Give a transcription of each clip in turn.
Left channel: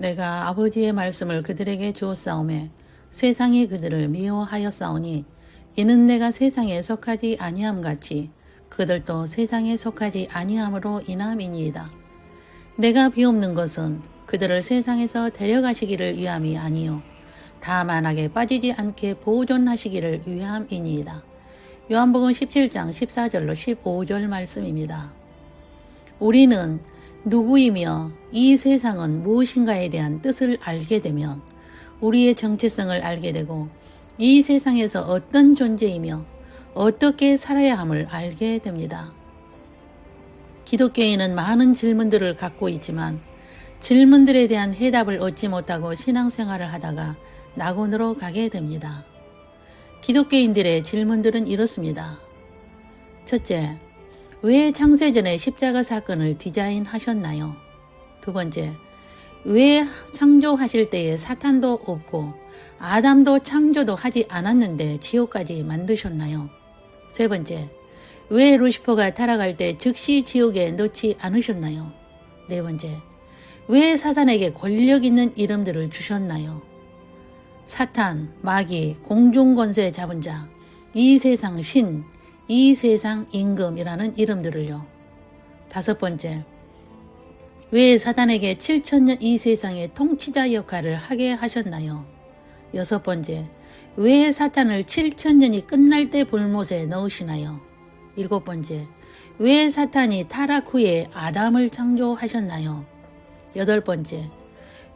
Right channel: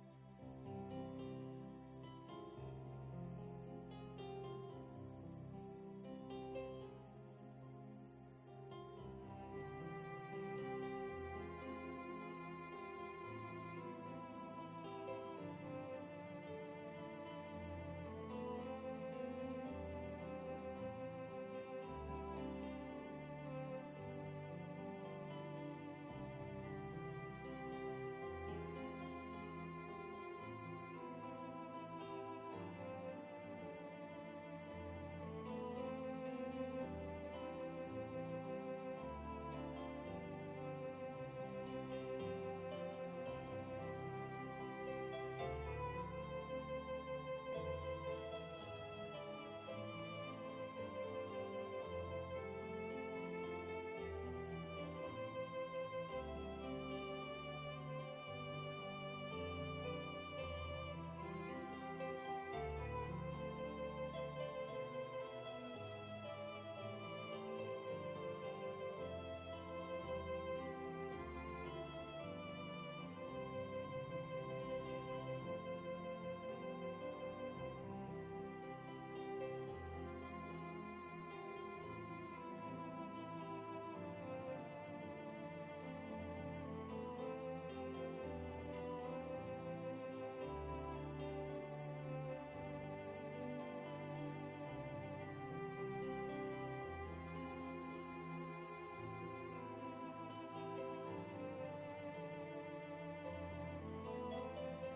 내가 아버지의 말씀을 그들에게 주었사오매 세상이 그들을 미워하였사오니 이는 내가 세상에 속하지 아니함 같이 그들도 세상에 속하지 아니함으로 인함이니이다. 내가 비옵는 것은 그들을 세상에서 데려가시기를 위함이 아니요 다만 악에 빠지지 않게 보존하시기를 위함이니이다. 요한복음 17장 14절로 15절 말씀입니다. 우리는 누구이며 이 세상은 무엇인가에 대한 뜻을 알게 되면 우리의 정체성을 알게 되고 이 세상에서 어떤 존재이며 어떻게 살아야 함을 알게 됩니다. 기독교인은 많은 질문들을 갖고 있지만 질문들에 대한 해답을 얻지 못하고 신앙생활을 하다가 낙원으로 가게 됩니다. 기독교인들의 질문들은 이렇습니다. 첫째, 왜 창세전에 십자가 사건을 디자인하셨나요? 두 번째, 왜 창조하실 때에 사탄도 없고 아담도 창조도 하지 않았는데 지옥까지 만드셨나요? 세 번째, 왜 루시퍼가 타락할 때 즉시 지옥에 넣지 않으셨나요? 네 번째, 왜 사탄에게 권력 있는 이름들을 주셨나요? 사탄, 마귀, 공중권세 잡은 자, 이 세상 신, 이 세상 임금이라는 이름들을요. 다섯 번째, 왜 사탄에게 7,000년 이 세상의 통치자 역할을 하게 하셨나요? 여섯 번째, 왜 사탄을 7,000년이 끝날 때 불못에 넣으시나요? 일곱 번째, 왜 사탄이 타락 후에 아담을 창조하셨나요? 여덟 번째,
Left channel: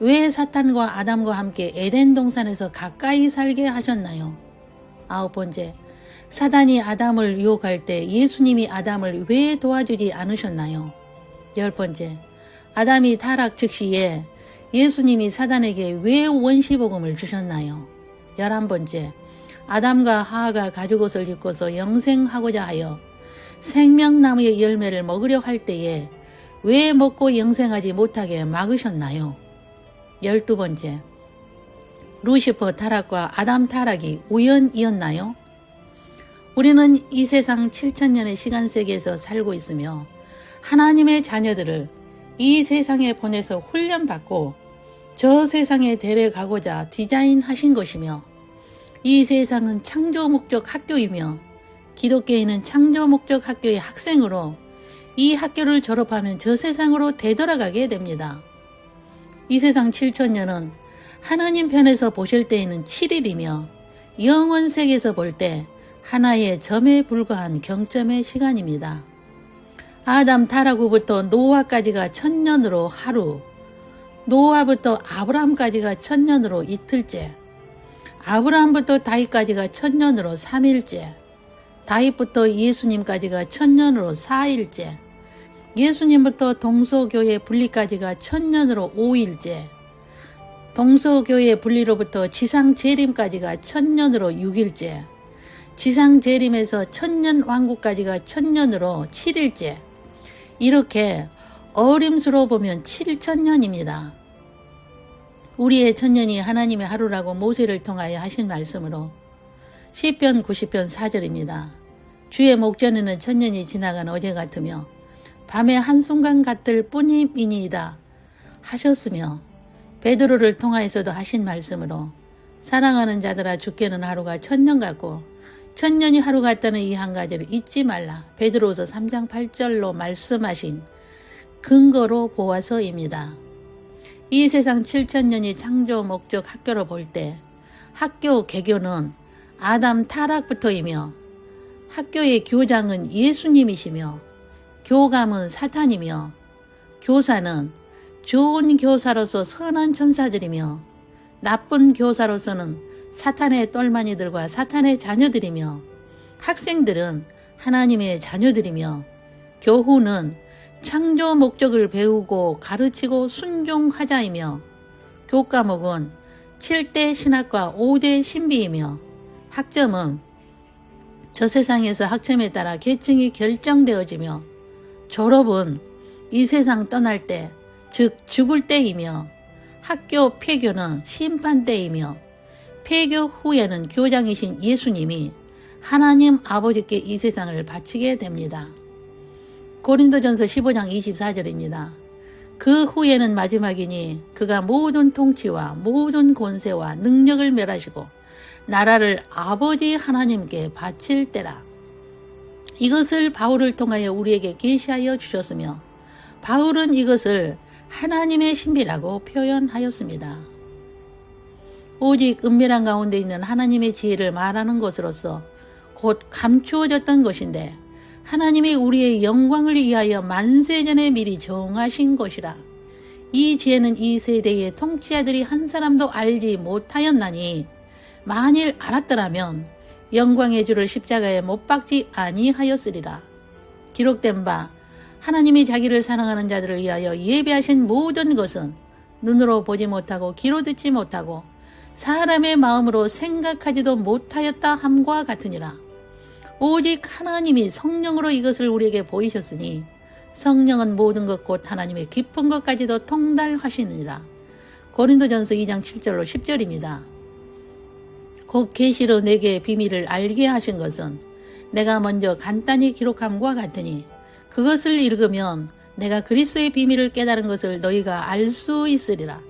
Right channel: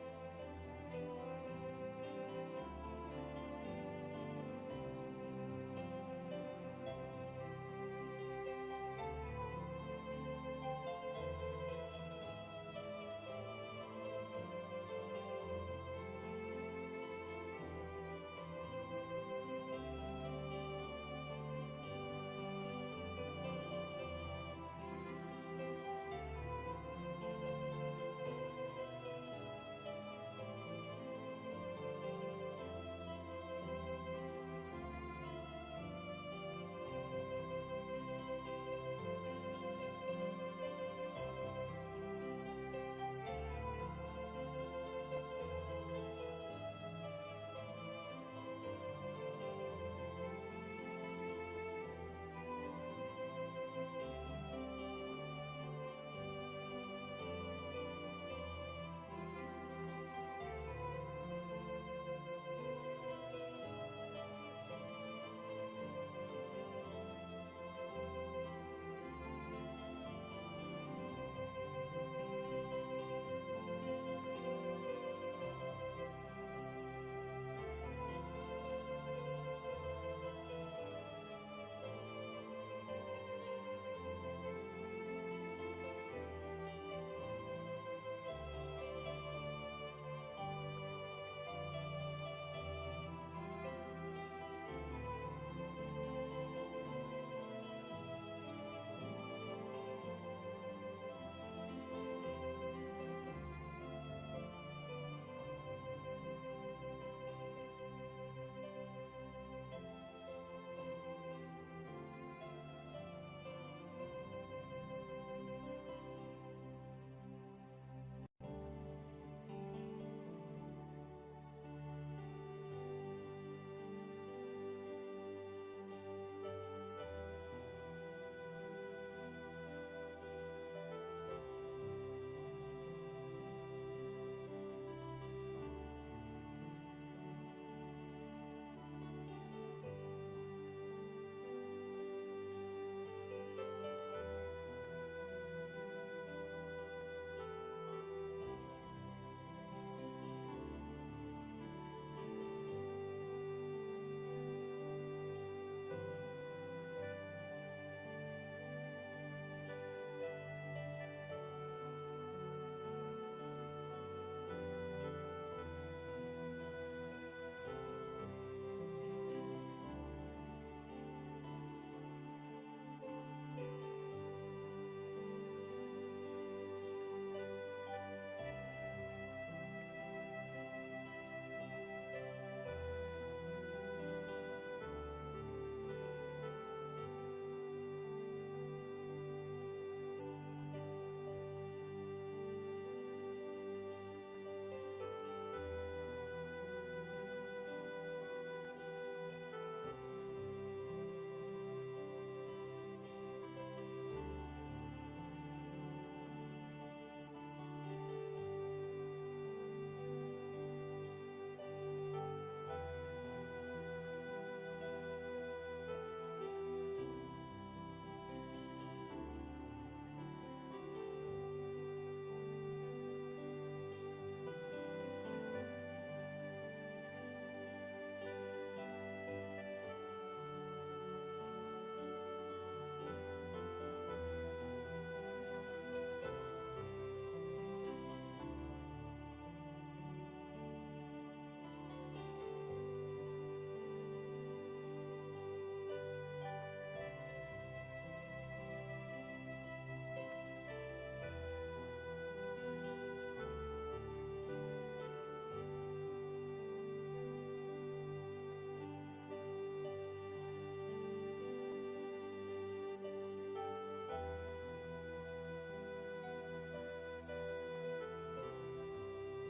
왜 사탄과 아담과 함께 에덴 동산에서 가까이 살게 하셨나요? 아홉 번째, 사단이 아담을 유혹할 때 예수님이 아담을 왜 도와주지 않으셨나요? 열 번째, 아담이 타락 즉시에 예수님이 사단에게 왜 원시복음을 주셨나요? 11번째, 아담과 하하가 가죽옷을 입고서 영생하고자 하여 생명나무의 열매를 먹으려 할 때에 왜 먹고 영생하지 못하게 막으셨나요? 12번째, 루시퍼 타락과 아담 타락이 우연이었나요? 우리는 이 세상 7,000년의 시간 세계에서 살고 있으며 하나님의 자녀들을 이 세상에 보내서 훈련받고 저 세상에 데려가고자 디자인하신 것이며 이 세상은 창조 목적 학교이며 기독교인은 창조 목적 학교의 학생으로 이 학교를 졸업하면 저 세상으로 되돌아가게 됩니다. 이 세상 7,000년은 하나님 편에서 보실 때에는 7일이며 영원 세계에서 볼 때 하나의 점에 불과한 경점의 시간입니다. 아담 타락 후부터 노아까지가 1,000년으로 하루, 노아부터 아브라함까지가 1,000년으로 이틀째, 아브라함부터 다윗까지가 1,000년으로 3일째, 다윗부터 예수님까지가 1,000년으로 4일째, 예수님부터 동서교회 분리까지가 1,000년으로 5일째, 동서교회 분리로부터 지상 재림까지가 1,000년으로 6일째, 지상 재림에서 1,000년 왕국까지가 1,000년으로 7일째, 이렇게 어림수로 보면 7,000년입니다. 우리의 1,000년이 하나님의 하루라고 모세를 통하여 하신 말씀으로 시편 90편 4절입니다. 주의 목전에는 1,000년이 지나간 어제 같으며 밤의 한순간 같을 뿐임이니이다 하셨으며 베드로를 통하여서도 하신 말씀으로 사랑하는 자들아 주께는 하루가 1,000년 같고 1,000년이 하루 같다는 이 한 가지를 잊지 말라. 베드로서 3장 8절로 말씀하신 근거로 보아서입니다. 이 세상 7,000년이 창조 목적 학교로 볼 때 학교 개교는 아담 타락부터이며 학교의 교장은 예수님이시며 교감은 사탄이며 교사는 좋은 교사로서 선한 천사들이며 나쁜 교사로서는 사탄의 똘마니들과 사탄의 자녀들이며 학생들은 하나님의 자녀들이며 교훈은 창조 목적을 배우고 가르치고 순종하자이며 교과목은 7대 신학과 5대 신비이며 학점은 저 세상에서 학점에 따라 계층이 결정되어지며 졸업은 이 세상 떠날 때, 즉 죽을 때이며 학교 폐교는 심판 때이며 폐교 후에는 교장이신 예수님이 하나님 아버지께 이 세상을 바치게 됩니다. 고린도전서 15장 24절입니다. 그 후에는 마지막이니 그가 모든 통치와 모든 권세와 능력을 멸하시고 나라를 아버지 하나님께 바칠 때라. 이것을 바울을 통하여 우리에게 계시하여 주셨으며 바울은 이것을 하나님의 신비라고 표현하였습니다. 오직 은밀한 가운데 있는 하나님의 지혜를 말하는 것으로서 곧 감추어졌던 것인데 하나님이 우리의 영광을 위하여 만세전에 미리 정하신 것이라. 이 지혜는 이 세대의 통치자들이 한 사람도 알지 못하였나니 만일 알았더라면 영광의 주를 십자가에 못 박지 아니하였으리라. 기록된 바 하나님이 자기를 사랑하는 자들을 위하여 예비하신 모든 것은 눈으로 보지 못하고 귀로 듣지 못하고 사람의 마음으로 생각하지도 못하였다 함과 같으니라. 오직 하나님이 성령으로 이것을 우리에게 보이셨으니 성령은 모든 것 곧 하나님의 깊은 것까지도 통달하시느니라. 고린도전서 2장 7절로 10절입니다. 곧 계시로 내게 비밀을 알게 하신 것은 내가 먼저 간단히 기록함과 같으니 그것을 읽으면 내가 그리스도의 비밀을 깨달은 것을 너희가 알 수 있으리라.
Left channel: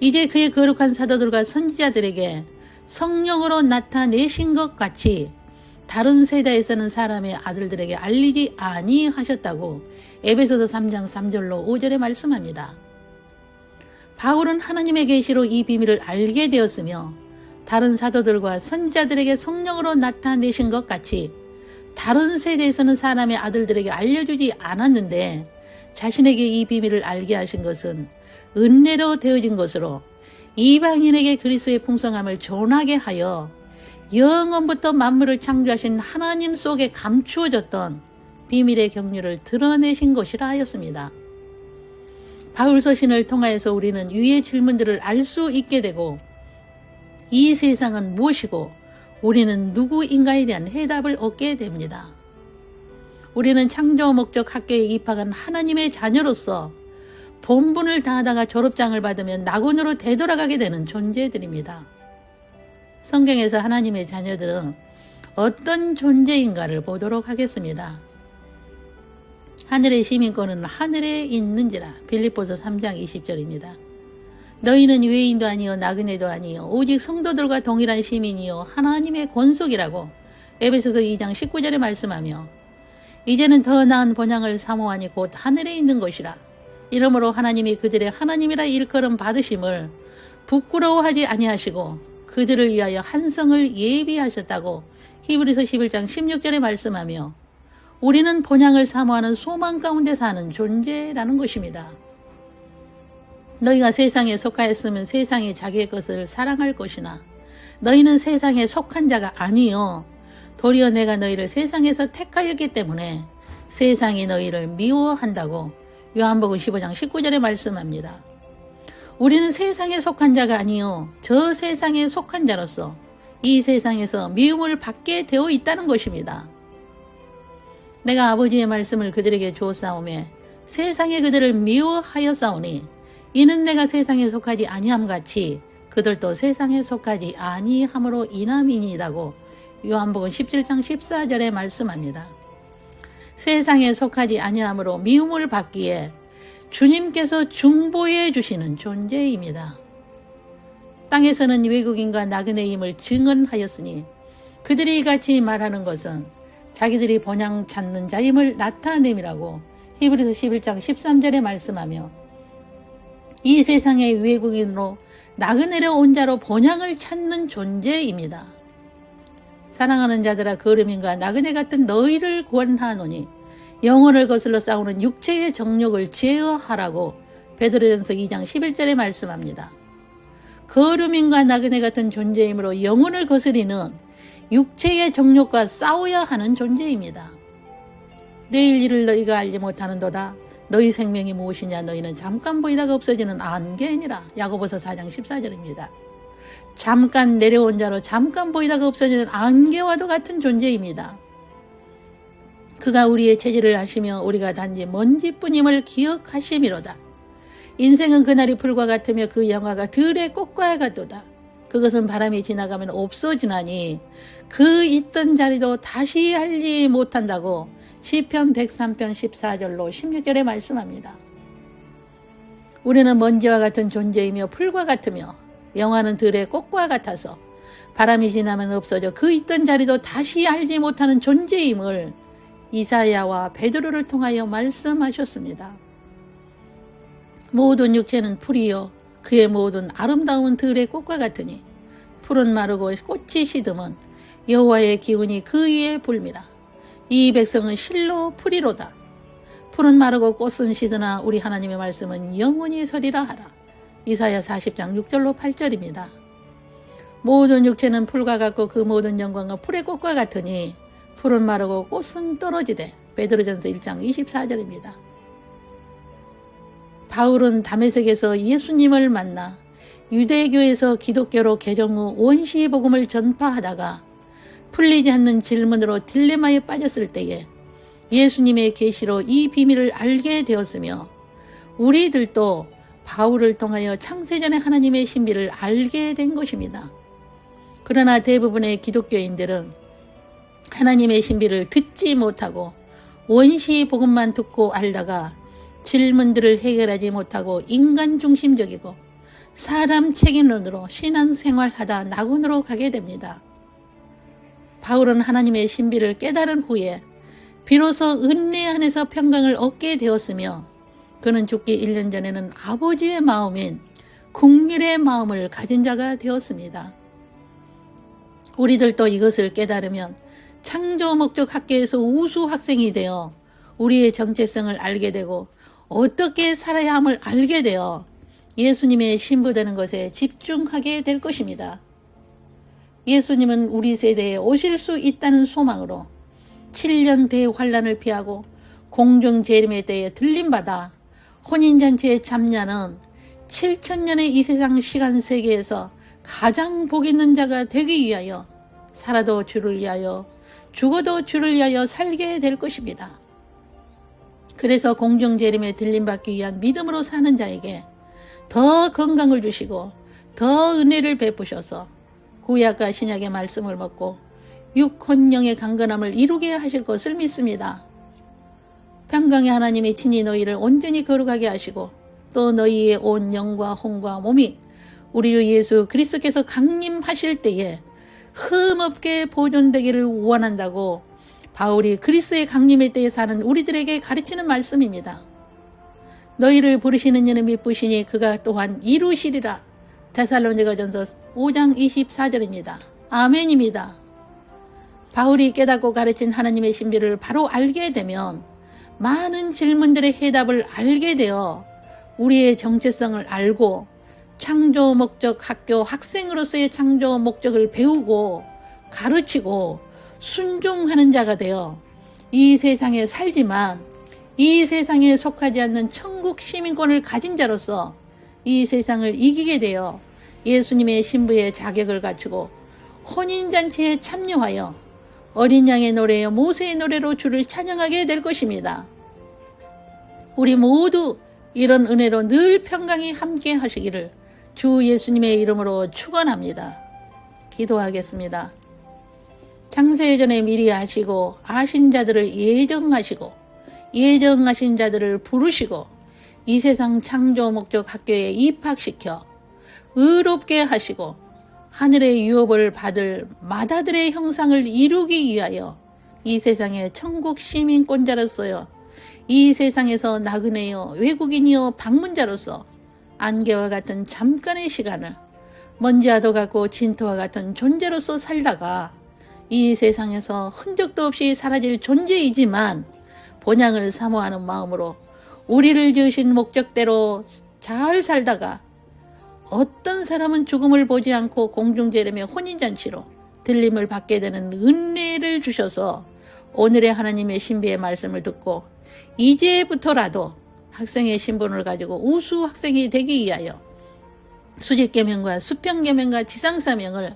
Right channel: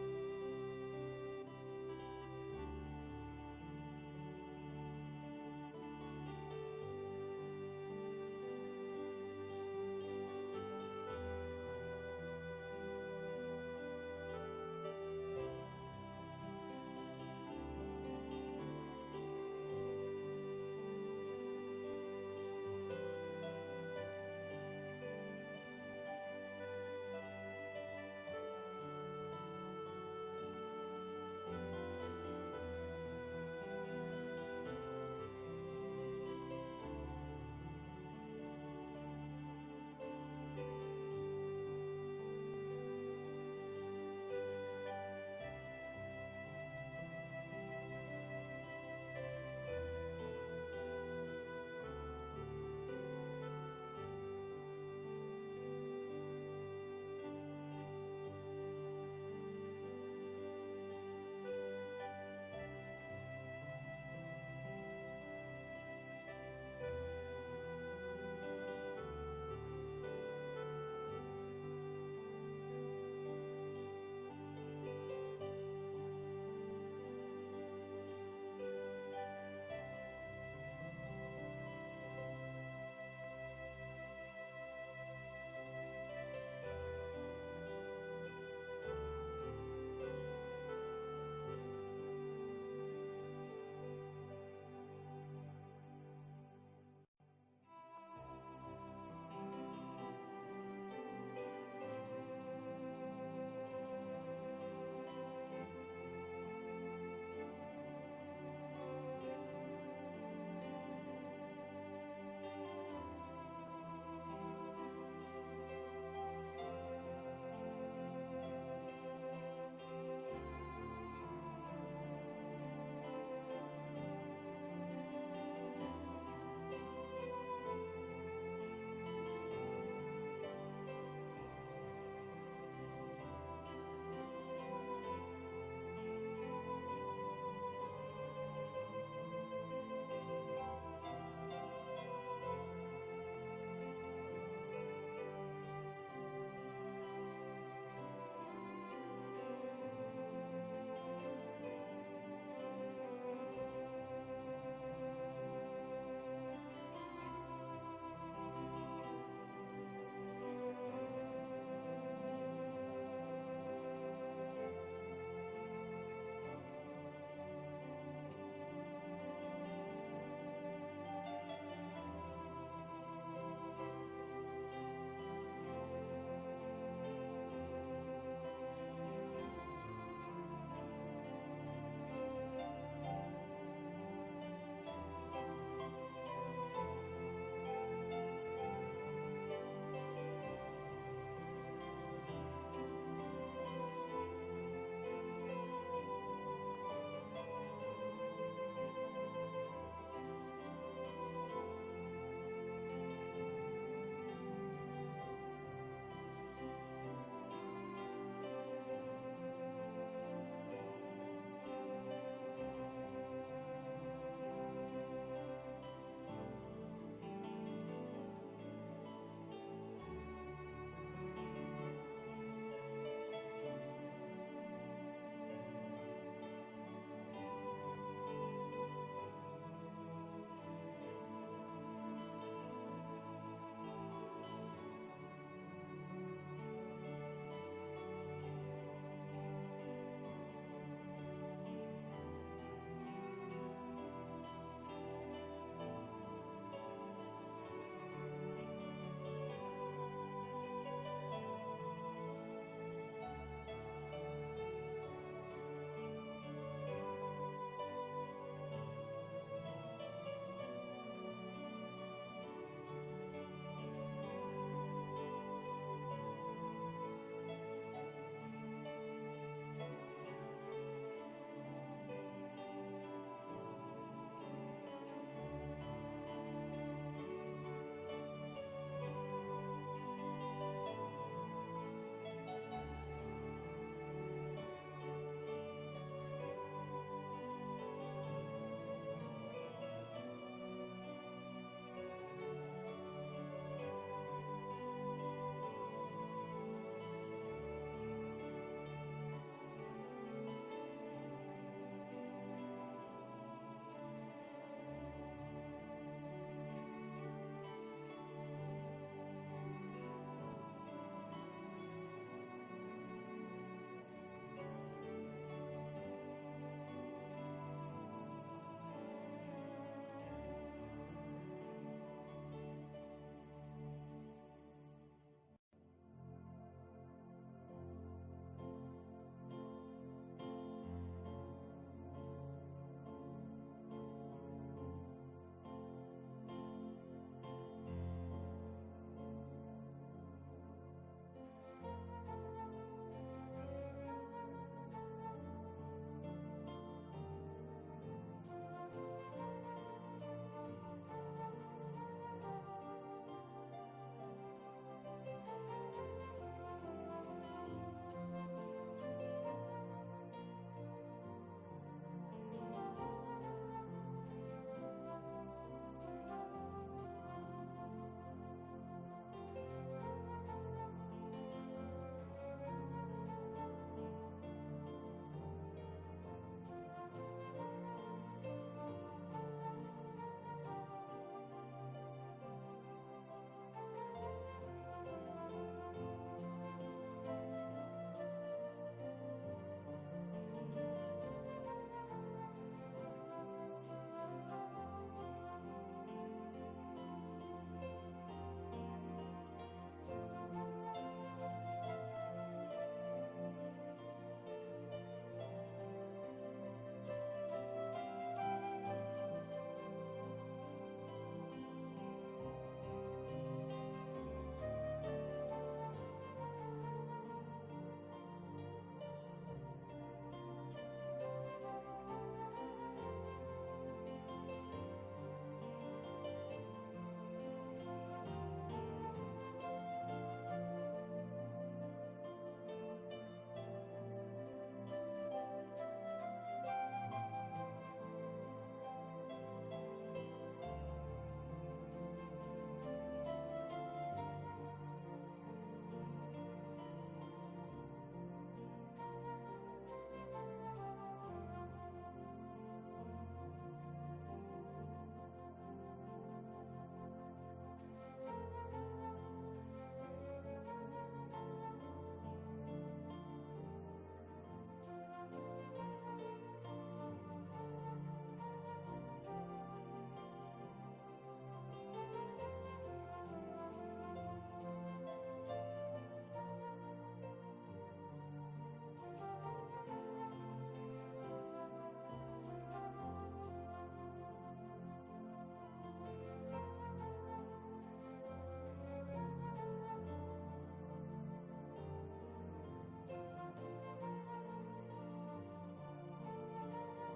이제 그의 거룩한 사도들과 선지자들에게 성령으로 나타내신 것 같이 다른 세대에서는 사람의 아들들에게 알리지 아니하셨다고 에베소서 3장 3절로 5절에 말씀합니다. 바울은 하나님의 계시로 이 비밀을 알게 되었으며 다른 사도들과 선지자들에게 성령으로 나타내신 것 같이 다른 세대에서는 사람의 아들들에게 알려주지 않았는데 자신에게 이 비밀을 알게 하신 것은 은혜로 되어진 것으로 이방인에게 그리스도의 풍성함을 전하게 하여 영원부터 만물을 창조하신 하나님 속에 감추어졌던 비밀의 경륜을 드러내신 것이라 하였습니다. 바울 서신을 통하여서 우리는 위의 질문들을 알 수 있게 되고 이 세상은 무엇이고 우리는 누구인가에 대한 해답을 얻게 됩니다. 우리는 창조 목적 학교에 입학한 하나님의 자녀로서 본분을 다하다가 졸업장을 받으면 낙원으로 되돌아가게 되는 존재들입니다. 성경에서 하나님의 자녀들은 어떤 존재인가를 보도록 하겠습니다. 하늘의 시민권은 하늘에 있는지라. 빌립보서 3장 20절입니다. 너희는 외인도 아니요 나그네도 아니요 오직 성도들과 동일한 시민이요 하나님의 권속이라고 에베소서 2장 19절에 말씀하며 이제는 더 나은 본향을 사모하니 곧 하늘에 있는 것이라. 이러므로 하나님이 그들의 하나님이라 일컬음 받으심을 부끄러워하지 아니하시고 그들을 위하여 한 성을 예비하셨다고 히브리서 11장 16절에 말씀하며 우리는 본향을 사모하는 소망 가운데 사는 존재라는 것입니다. 너희가 세상에 속하였으면 세상이 자기의 것을 사랑할 것이나 너희는 세상에 속한 자가 아니요 도리어 내가 너희를 세상에서 택하였기 때문에 세상이 너희를 미워한다고 요한복음 15장 19절에 말씀합니다. 우리는 세상에 속한 자가 아니요 저 세상에 속한 자로서 이 세상에서 미움을 받게 되어 있다는 것입니다. 내가 아버지의 말씀을 그들에게 주었사오매 세상에 그들을 미워하였사오니 이는 내가 세상에 속하지 아니함 같이 그들도 세상에 속하지 아니함으로 인함이니이다고 요한복음 17장 14절에 말씀합니다. 세상에 속하지 아니함으로 미움을 받기에 주님께서 중보해 주시는 존재입니다. 땅에서는 외국인과 나그네임을 증언하였으니 그들이 이같이 말하는 것은 자기들이 본향 찾는 자임을 나타냄이라고 히브리서 11장 13절에 말씀하며 이 세상의 외국인으로 나그네려 온 자로 본향을 찾는 존재입니다. 사랑하는 자들아 거름인과 나그네 같은 너희를 권하노니 영혼을 거슬러 싸우는 육체의 정욕을 제어하라고 베드로전서 2장 11절에 말씀합니다. 거름인과 나그네 같은 존재이므로 영혼을 거스리는 육체의 정욕과 싸워야 하는 존재입니다. 내일 일을 너희가 알지 못하는도다. 너희 생명이 무엇이냐 너희는 잠깐 보이다가 없어지는 안개니라. 야고보서 4장 14절입니다. 잠깐 내려온 자로 잠깐 보이다가 없어지는 안개와도 같은 존재입니다. 그가 우리의 체질을 아시며 우리가 단지 먼지뿐임을 기억하심이로다. 인생은 그날이 풀과 같으며 그 영화가 들의 꽃과 같도다. 그것은 바람이 지나가면 없어지나니 그 있던 자리도 다시 알지 못한다고 시편 103편 14절로 16절에 말씀합니다. 우리는 먼지와 같은 존재이며 풀과 같으며 영화는 들의 꽃과 같아서 바람이 지나면 없어져 그 있던 자리도 다시 알지 못하는 존재임을 이사야와 베드로를 통하여 말씀하셨습니다. 모든 육체는 풀이요 그의 모든 아름다운 들의 꽃과 같으니 풀은 마르고 꽃이 시듬은 여호와의 기운이 그 위에 불미라. 이 백성은 실로 풀이로다. 풀은 마르고 꽃은 시드나 우리 하나님의 말씀은 영원히 서리라 하라. 이사야 40장 6절로 8절입니다. 모든 육체는 풀과 같고 그 모든 영광은 풀의 꽃과 같으니 풀은 마르고 꽃은 떨어지되. 베드로전서 1장 24절입니다. 바울은 다메섹에서 예수님을 만나 유대교에서 기독교로 개정 후 원시 복음을 전파하다가 풀리지 않는 질문으로 딜레마에 빠졌을 때에 예수님의 계시로 이 비밀을 알게 되었으며 우리들도 바울을 통하여 창세전의 하나님의 신비를 알게 된 것입니다. 그러나 대부분의 기독교인들은 하나님의 신비를 듣지 못하고 원시 복음만 듣고 알다가 질문들을 해결하지 못하고 인간 중심적이고 사람 책임론으로 신앙생활하다 낙원으로 가게 됩니다. 바울은 하나님의 신비를 깨달은 후에 비로소 은혜 안에서 평강을 얻게 되었으며 그는 죽기 1년 전에는 아버지의 마음인 긍휼의 마음을 가진 자가 되었습니다. 우리들도 이것을 깨달으면 창조 목적 학교에서 우수 학생이 되어 우리의 정체성을 알게 되고 어떻게 살아야 함을 알게 되어 예수님의 신부되는 것에 집중하게 될 것입니다. 예수님은 우리 세대에 오실 수 있다는 소망으로 7년 대환란을 피하고 공중 재림의 때에 들림받아 혼인잔치에 참여하는 7천년의 이 세상 시간 세계에서 가장 복 있는 자가 되기 위하여 살아도 주를 위하여 죽어도 주를 위하여 살게 될 것입니다. 그래서 공중 재림에 들림받기 위한 믿음으로 사는 자에게 더 건강을 주시고 더 은혜를 베푸셔서 구약과 신약의 말씀을 먹고 육혼령의 강건함을 이루게 하실 것을 믿습니다. 평강의 하나님이 친히 너희를 온전히 거룩하게 하시고 또 너희의 온 영과 혼과 몸이 우리 주 예수 그리스도께서 강림하실 때에 흠없게 보존되기를 원한다고 바울이 그리스도의 강림의 때에 사는 우리들에게 가르치는 말씀입니다. 너희를 부르시는 이는 미쁘시니 그가 또한 이루시리라. 데살로니가전서 5장 24절입니다. 아멘입니다. 바울이 깨닫고 가르친 하나님의 신비를 바로 알게 되면 많은 질문들의 해답을 알게 되어 우리의 정체성을 알고 창조 목적 학교 학생으로서의 창조 목적을 배우고 가르치고 순종하는 자가 되어 이 세상에 살지만 이 세상에 속하지 않는 천국 시민권을 가진 자로서 이 세상을 이기게 되어 예수님의 신부의 자격을 갖추고 혼인잔치에 참여하여 어린 양의 노래여 모세의 노래로 주를 찬양하게 될 것입니다. 우리 모두 이런 은혜로 늘 평강이 함께 하시기를 주 예수님의 이름으로 축원합니다. 기도하겠습니다. 창세전에 미리 아시고 아신 자들을 예정하시고 예정하신 자들을 부르시고 이 세상 창조 목적 학교에 입학시켜 의롭게 하시고 하늘의 유업을 받을 마다들의 형상을 이루기 위하여 이 세상의 천국 시민권자로서요 이 세상에서 나그네요 외국인이요 방문자로서 안개와 같은 잠깐의 시간을 먼지와도 같고 진토와 같은 존재로서 살다가 이 세상에서 흔적도 없이 사라질 존재이지만 본향을 사모하는 마음으로 우리를 지으신 목적대로 잘 살다가 어떤 사람은 죽음을 보지 않고 공중재림의 혼인잔치로 들림을 받게 되는 은혜를 주셔서 오늘의 하나님의 신비의 말씀을 듣고 이제부터라도 학생의 신분을 가지고 우수 학생이 되기 위하여 수직계명과 수평계명과 지상사명을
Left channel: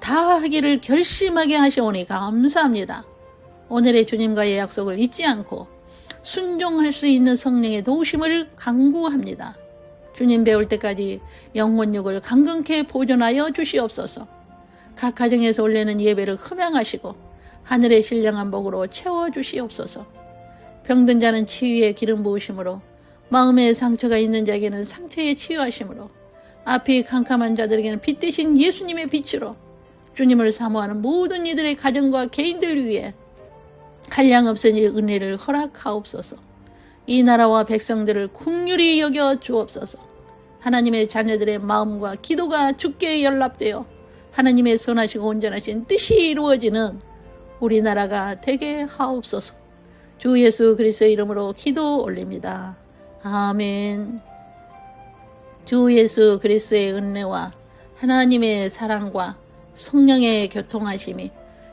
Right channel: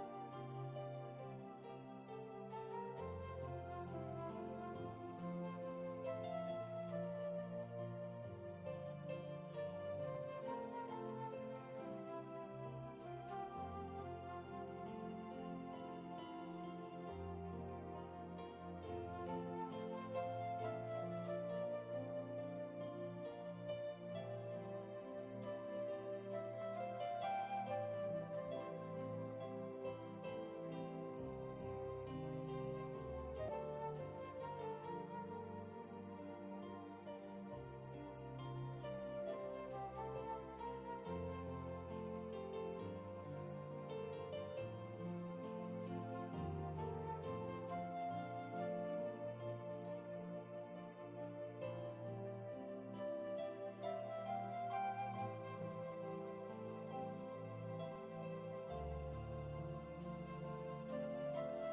다 하기를 결심하게 하시오니 감사합니다. 오늘의 주님과의 약속을 잊지 않고 순종할 수 있는 성령의 도우심을 간구합니다. 주님 배울 때까지 영혼육을 강건케 보존하여 주시옵소서. 각 가정에서 올리는 예배를 흠양하시고 하늘의 신령한 복으로 채워주시옵소서. 병든 자는 치유의 기름 부으심으로 마음에 상처가 있는 자에게는 상처의 치유하심으로, 앞이 캄캄한 자들에게는 빛 대신 예수님의 빛으로 주님을 사모하는 모든 이들의 가정과 개인들 위해 한량없은 이 은혜를 허락하옵소서. 이 나라와 백성들을 긍휼히 여겨 주옵소서. 하나님의 자녀들의 마음과 기도가 주께 연락되어 하나님의 선하시고 온전하신 뜻이 이루어지는 우리나라가 되게 하옵소서. 주 예수 그리스도의 이름으로 기도 올립니다. 아멘. 주 예수 그리스도의 은혜와 하나님의 사랑과 성령의 교통하심이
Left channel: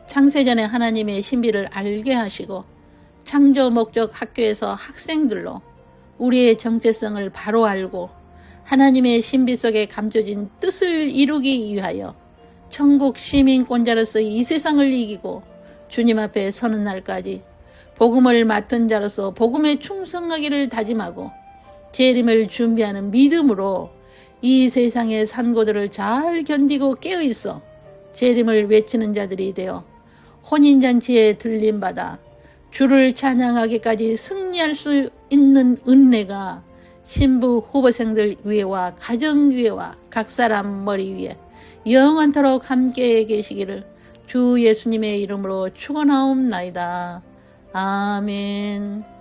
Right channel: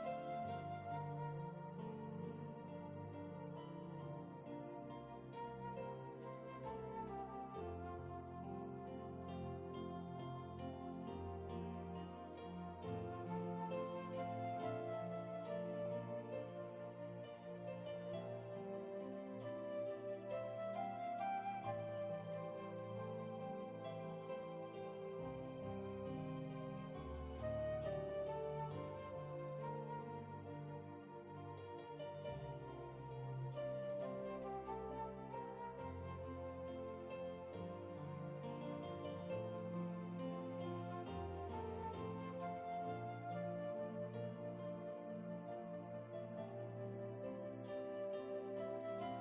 창세전에 하나님의 신비를 알게 하시고 창조 목적 학교에서 학생들로 우리의 정체성을 바로 알고 하나님의 신비 속에 감춰진 뜻을 이루기 위하여 천국 시민권자로서 이 세상을 이기고 주님 앞에 서는 날까지 복음을 맡은 자로서 복음에 충성하기를 다짐하고 재림을 준비하는 믿음으로 이 세상의 산고들을 잘 견디고 깨어있어 재림을 외치는 자들이 되어 혼인잔치에 들림받아 주를 찬양하기까지 승리할 수 있는 은혜가 신부 후보생들 위에와 가정 위에와 각 사람 머리 위에 영원토록 함께 계시기를 주 예수님의 이름으로 축원하옵나이다. 아멘.